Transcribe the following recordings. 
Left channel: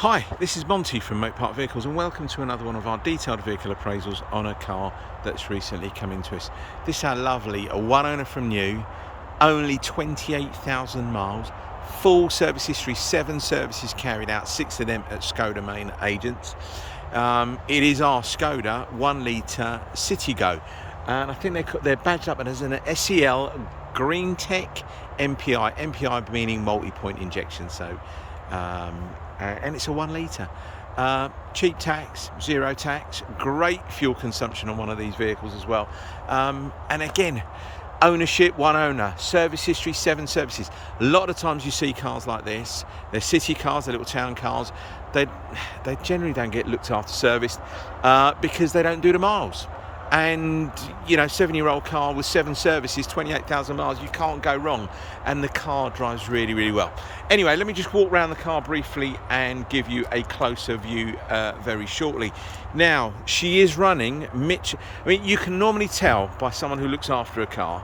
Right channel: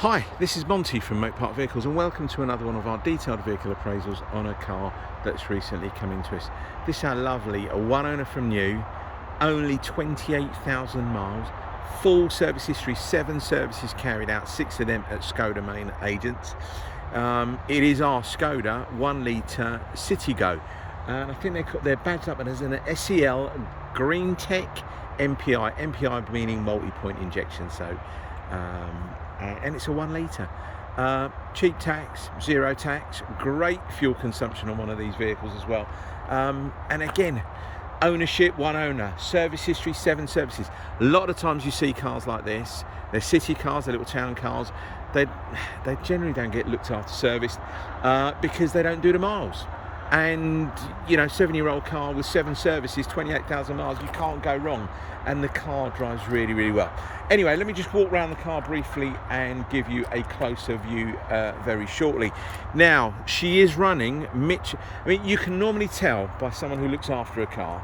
Hi, this is Monty from Moat Park Vehicles and welcome to another one of our detailed vehicle appraisals on a car that's recently come into us. This is our lovely, a one owner from new, only 28,000 miles, full service history, 7 services carried out, 6 of them at Skoda main agents. It is our Skoda 1 litre Citigo, and I think they're badged up as an SEL Greentech MPI meaning multi-point injection, so and it's a 1 litre. Cheap tax, 0 tax, great fuel consumption on one of these vehicles as well. And again, ownership, 1 owner, service history, 7 services. A lot of times you see cars like this, they're city cars, they're little town cars, they generally don't get looked after, serviced, because they don't do the miles. And you know, 7-year-old car with 7 services, 28,000 miles, you can't go wrong, and the car drives really well. Anyway, let me just walk around the car briefly and give you a closer view very shortly. Now, she is running I mean, you can normally tell by someone who looks after a car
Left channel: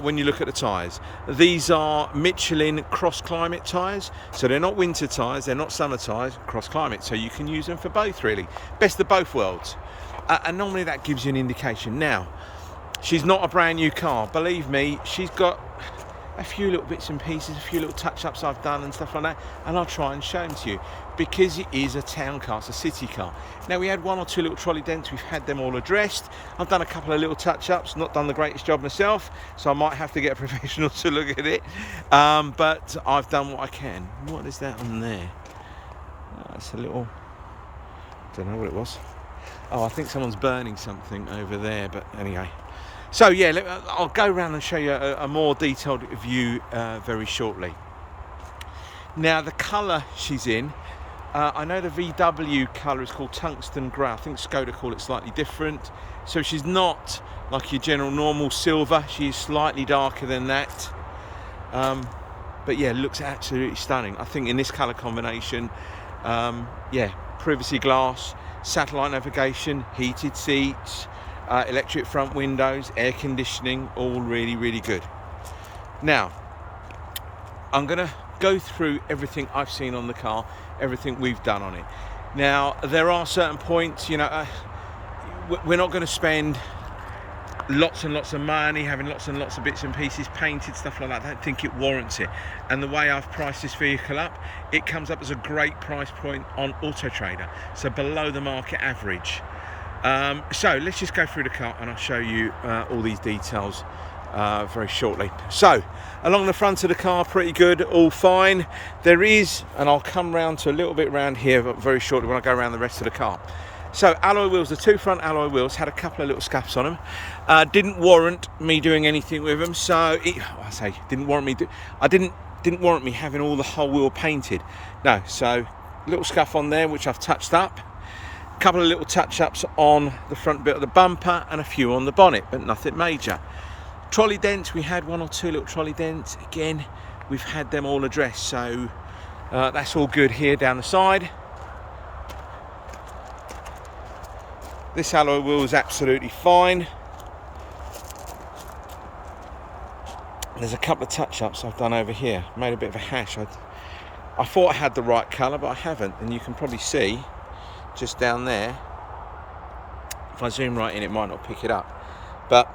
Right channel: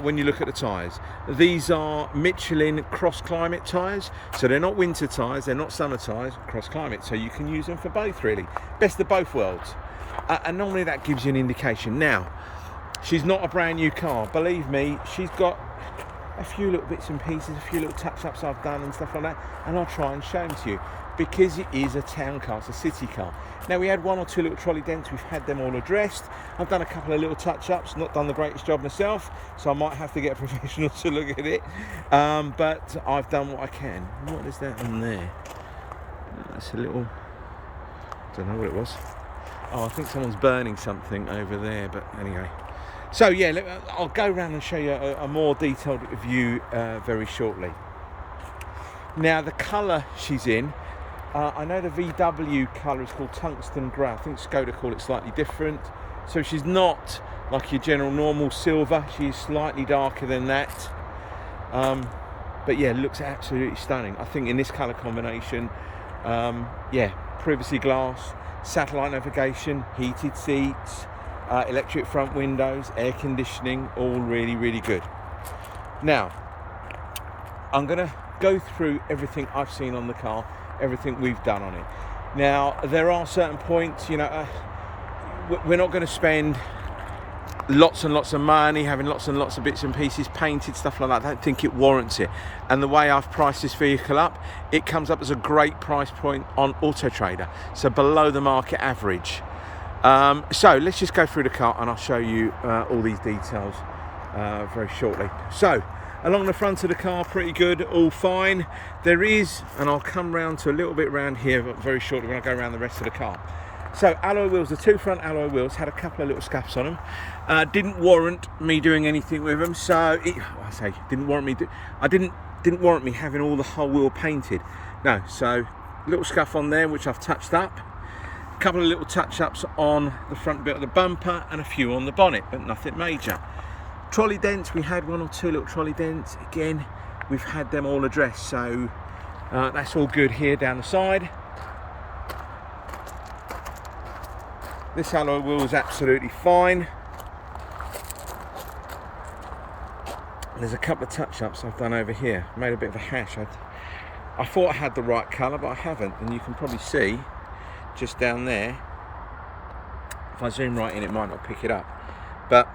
when you look at the tyres. These are Michelin cross climate tyres, so they're not winter tyres, they're not summer tyres, cross climate, so you can use them for both really, best of both worlds. And normally that gives you an indication. Now, she's not a brand new car, believe me. She's got a few little bits and pieces, a few little touch-ups I've done and stuff like that, and I'll try and show them to you because it is a town car, it's a city car. Now, we had 1 or 2 little trolley dents, we've had them all addressed. I've done a couple of little touch-ups, not done the greatest job myself, so I might have to get a professional to look at it, but I've done what I can. What is that on there? Oh, it's a little, I don't know what it was. Oh, I think someone's burning something over there, but anyway. So yeah, I'll go around and show you a more detailed view very shortly. Now, the colour she's in, I know the VW colour is called tungsten grey. I think Skoda call it slightly different. So she's not like your general normal silver. She's slightly darker than that. But yeah, looks absolutely stunning. I think in this colour combination, yeah, privacy glass, satellite navigation, heated seats, electric front windows, air conditioning, all really good. Now, I'm going to go through everything I've seen on the car, everything we've done on it. Now, there are certain points, you know, we're not going to spend lots and lots of money having lots and lots of bits and pieces painted, stuff like that. I don't think it warrants it. And the way I've priced this vehicle up, it comes up as a great price point on Auto Trader, so below the market average. So let's just go through the car and I'll show you all these details very shortly. So along the front of the car, pretty good, all fine. There is, and I'll come round to a little bit around here very shortly when I go around the rest of the car. So alloy wheels, the 2 front alloy wheels had a couple of little scuffs on them. Didn't warrant me doing anything with them. So didn't warrant me having all the whole wheel painted. No, so little scuff on there which I've touched up. A couple of little touch-ups on the front bit of the bumper and a few on the bonnet, but nothing major. Trolley dents, we had 1 or 2 little trolley dents. Again, we've had them all addressed, so that's all good here down the side. This alloy wheel is absolutely fine. There's a couple of touch-ups I've done over here. Made a bit of a hash. I thought I had the right colour, but I haven't. And you can probably see just down there. If I zoom right in, it might not pick it up. But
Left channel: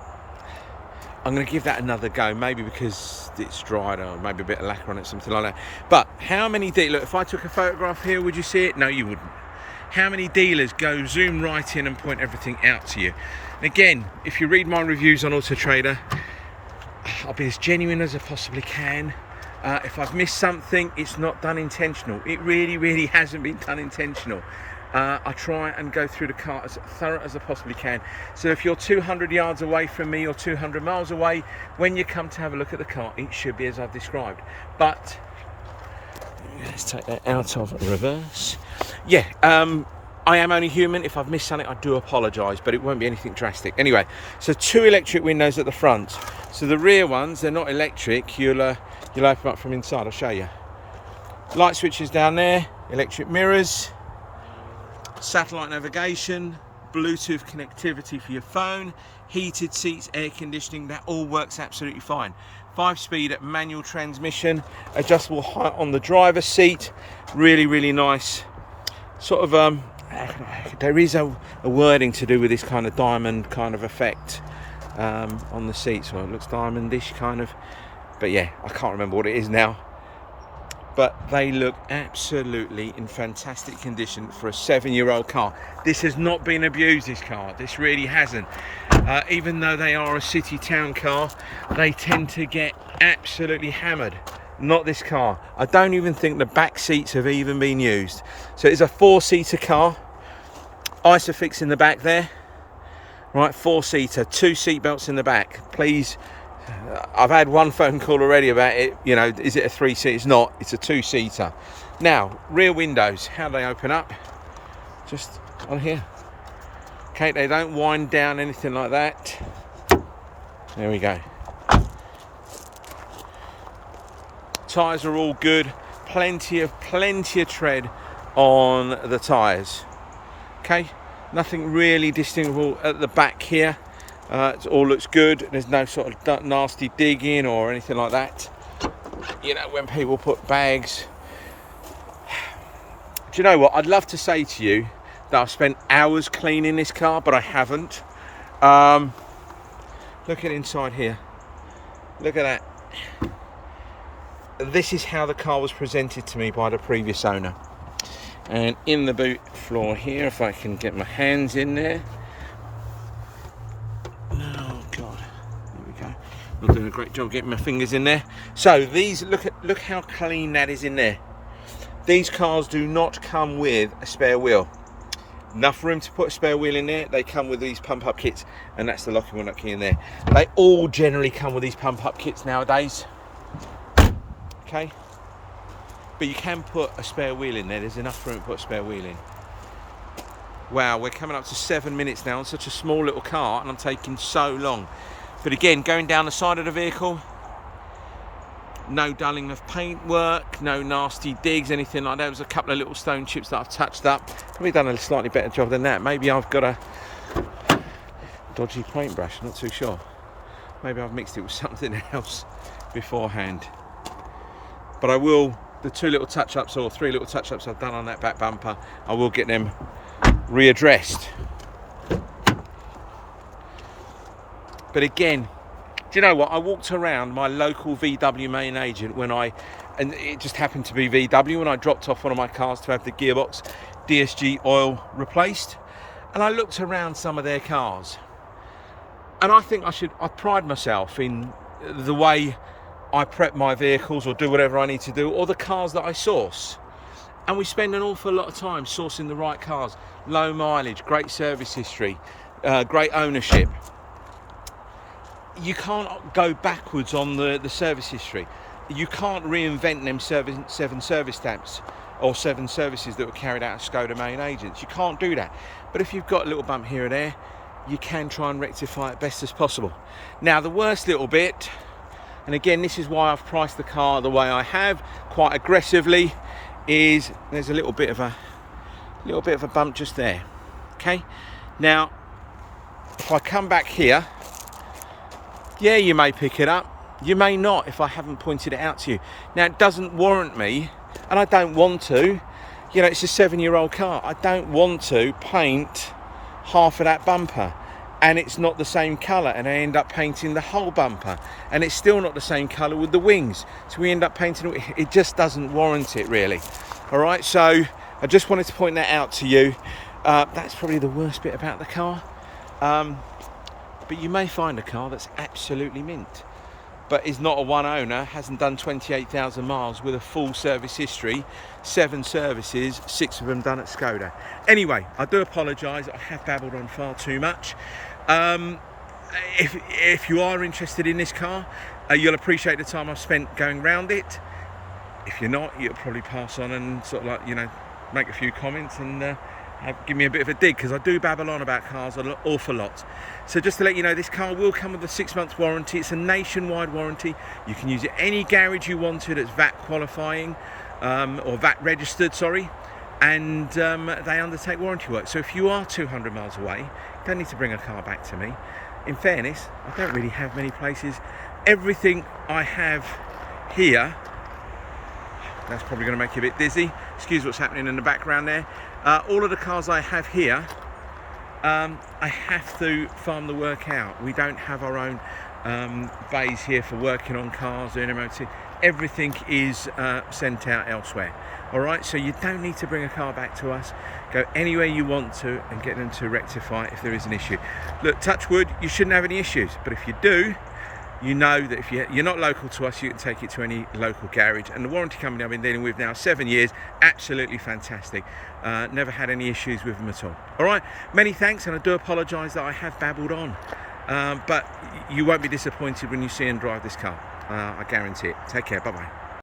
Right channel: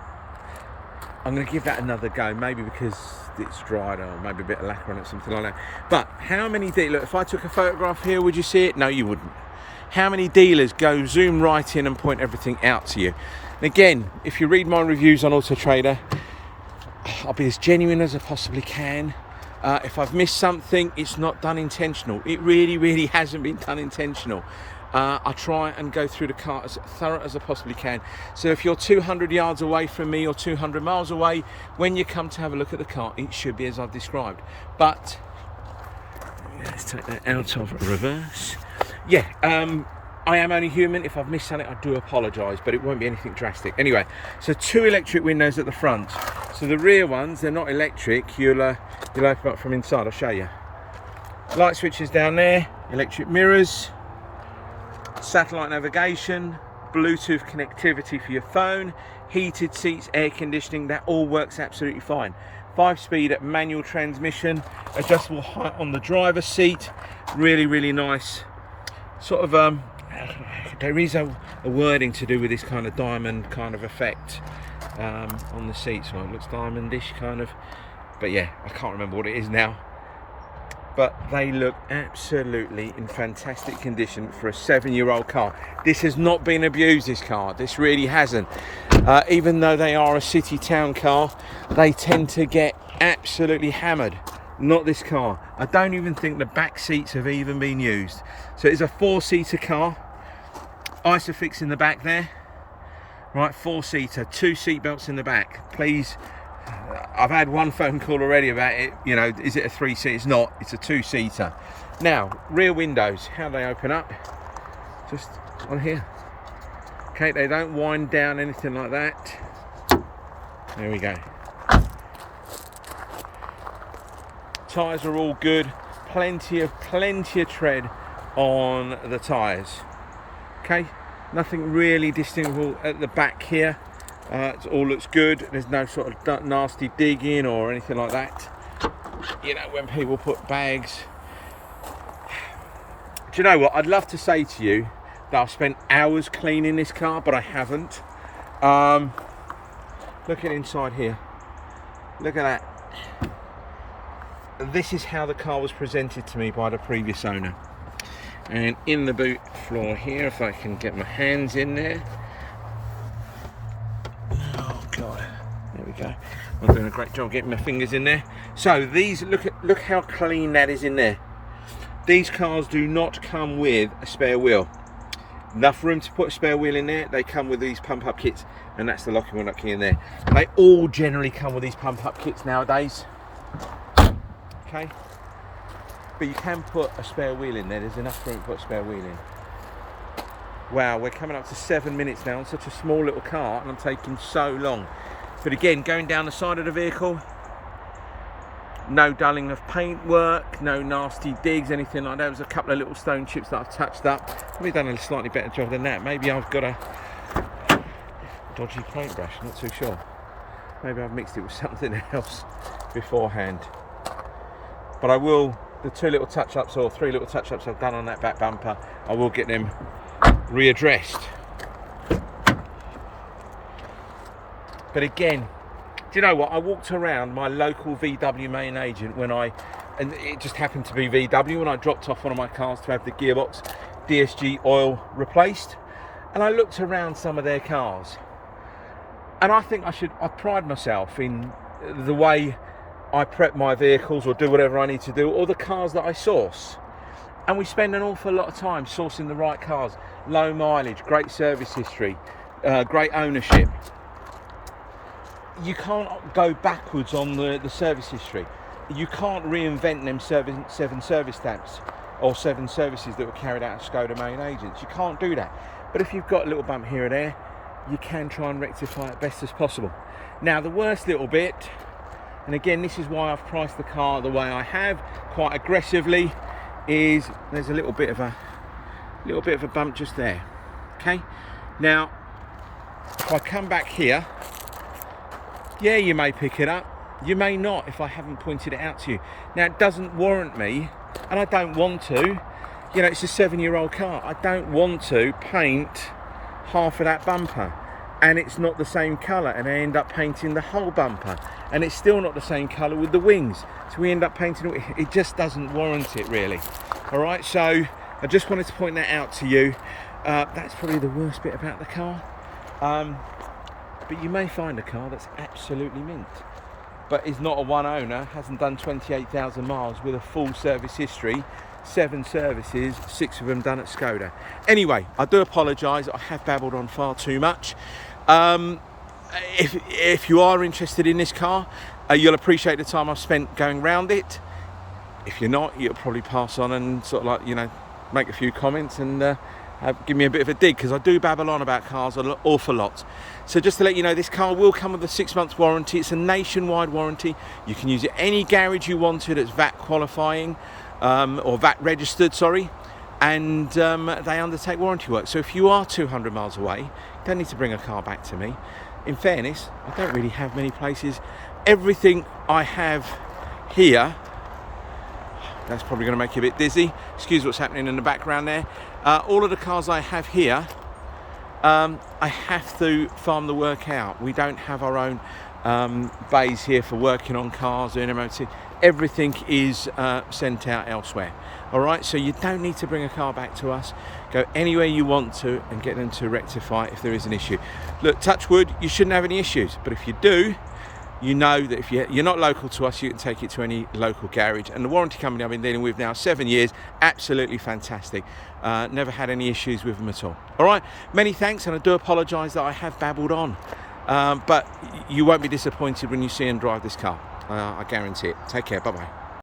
I'm going to give that another go. Maybe because it's dried or maybe a bit of lacquer on it, something like that. But how many look, if I took a photograph here, would you see it? No, you wouldn't. How many dealers go zoom right in and point everything out to you? And again, if you read my reviews on Auto Trader, I'll be as genuine as I possibly can. If I've missed something, it's not done intentional. It really hasn't been done intentional. I try and go through the car as thorough as I possibly can. So if you're 200 yards away from me or 200 miles away, when you come to have a look at the car, it should be as I've described. But let's take that out of reverse. Yeah, I am only human. If I've missed something, I do apologise, but it won't be anything drastic. Anyway, so 2 electric windows at the front. So the rear ones, they're not electric. You'll open them up from inside. I'll show you. Light switches down there, electric mirrors, satellite navigation, Bluetooth connectivity for your phone, heated seats, air conditioning. That all works absolutely fine. 5-speed manual transmission, adjustable height on the driver's seat. Really nice sort of there is a wording to do with this kind of diamond kind of effect on the seat, so it looks diamondish kind of, but yeah, I can't remember what it is now. But they look absolutely in fantastic condition for a 7-year-old car. This has not been abused, this car. This really hasn't. Even though they are a city town car, they tend to get absolutely hammered. Not this car. I don't even think the back seats have even been used. So it's a 4-seater car. Isofix in the back there. Right, 4-seater, 2 seat belts in the back. Please. I've had one phone call already about it, you know, is it a 3-seater? It's not, it's a 2-seater. Now, rear windows, how they open up, just on here. Okay, they don't wind down, anything like that. There we go. Tyres are all good, plenty of tread on the tyres. Okay, nothing really distinguishable at the back here. It all looks good. There's no sort of nasty digging or anything like that. You know, when people put bags. Do you know what? I'd love to say to you that I've spent hours cleaning this car, but I haven't. Look at inside here. Look at that. This is how the car was presented to me by the previous owner. And in the boot floor here, if I can get my hands in there. God, there we go. I'm doing a great job getting my fingers in there. So these, look how clean that is in there. These cars do not come with a spare wheel. Enough room to put a spare wheel in there. They come with these pump up kits, and that's the locking wheel nut key in there. They all generally come with these pump up kits nowadays. Okay, but you can put a spare wheel in there. There's enough room to put a spare wheel in. Wow, we're coming up to 7 minutes now on such a small little car, and I'm taking so long. But again, going down the side of the vehicle, no dulling of paintwork, no nasty digs, anything like that. There was a couple of little stone chips that I've touched up. Probably done a slightly better job than that. Maybe I've got a dodgy paintbrush, not too sure. Maybe I've mixed it with something else beforehand. But I will, the 2 little touch-ups or 3 little touch-ups I've done on that back bumper, I will get them readdressed. But again, do you know what? I walked around my local VW main agent and it just happened to be VW, when I dropped off one of my cars to have the gearbox DSG oil replaced, and I looked around some of their cars, and I think I pride myself in the way I prep my vehicles or do whatever I need to do, or the cars that I source. And we spend an awful lot of time sourcing the right cars. Low mileage, great service history, great ownership. You can't go backwards on the service history. You can't reinvent them 7 service stamps or 7 services that were carried out at Skoda main agents. You can't do that. But if you've got a little bump here or there, you can try and rectify it best as possible. Now, the worst little bit, and again, this is why I've priced the car the way I have, quite aggressively, is there's a little bit of a bump just there. Okay, now if I come back here, yeah, you may pick it up, you may not if I haven't pointed it out to you. Now, it doesn't warrant me, and I don't want to, you know, it's a 7-year-old car, I don't want to paint half of that bumper, and it's not the same colour, and I end up painting the whole bumper, and it's still not the same colour with the wings, so we end up painting it. Just doesn't warrant it, really. All right, so I just wanted to point that out to you. That's probably the worst bit about the car, but you may find a car that's absolutely mint, but is not a one owner, hasn't done 28,000 miles with a full service history, 7 services, 6 of them done at Skoda. Anyway, I do apologise, I have babbled on far too much. If you are interested in this car, you'll appreciate the time I've spent going round it. If you're not, you'll probably pass on and sort of like, you know, make a few comments and give me a bit of a dig, because I do babble on about cars an awful lot. So just to let you know, this car will come with a 6-month warranty. It's a nationwide warranty. You can use it any garage you want to that's VAT qualifying, or VAT registered, sorry, and they undertake warranty work. So if you are 200 miles away, you don't need to bring a car back to me. In fairness, I don't really have many places. Everything I have here That's probably going to make you a bit dizzy. Excuse what's happening in the background there. All of the cars I have here, I have to farm the work out. We don't have our own bays here for working on cars, doing MOT. Everything is sent out elsewhere. All right, so you don't need to bring a car back to us. Go anywhere you want to and get them to rectify it if there is an issue. Look, touch wood, you shouldn't have any issues, but if you do, you know that if you're not local to us, you can take it to any local garage. And the warranty company I've been dealing with now 7 years, absolutely fantastic. Never had any issues with them at all. All right, many thanks, and I do apologise that I have babbled on. But you won't be disappointed when you see and drive this car. I guarantee it. Take care, bye-bye.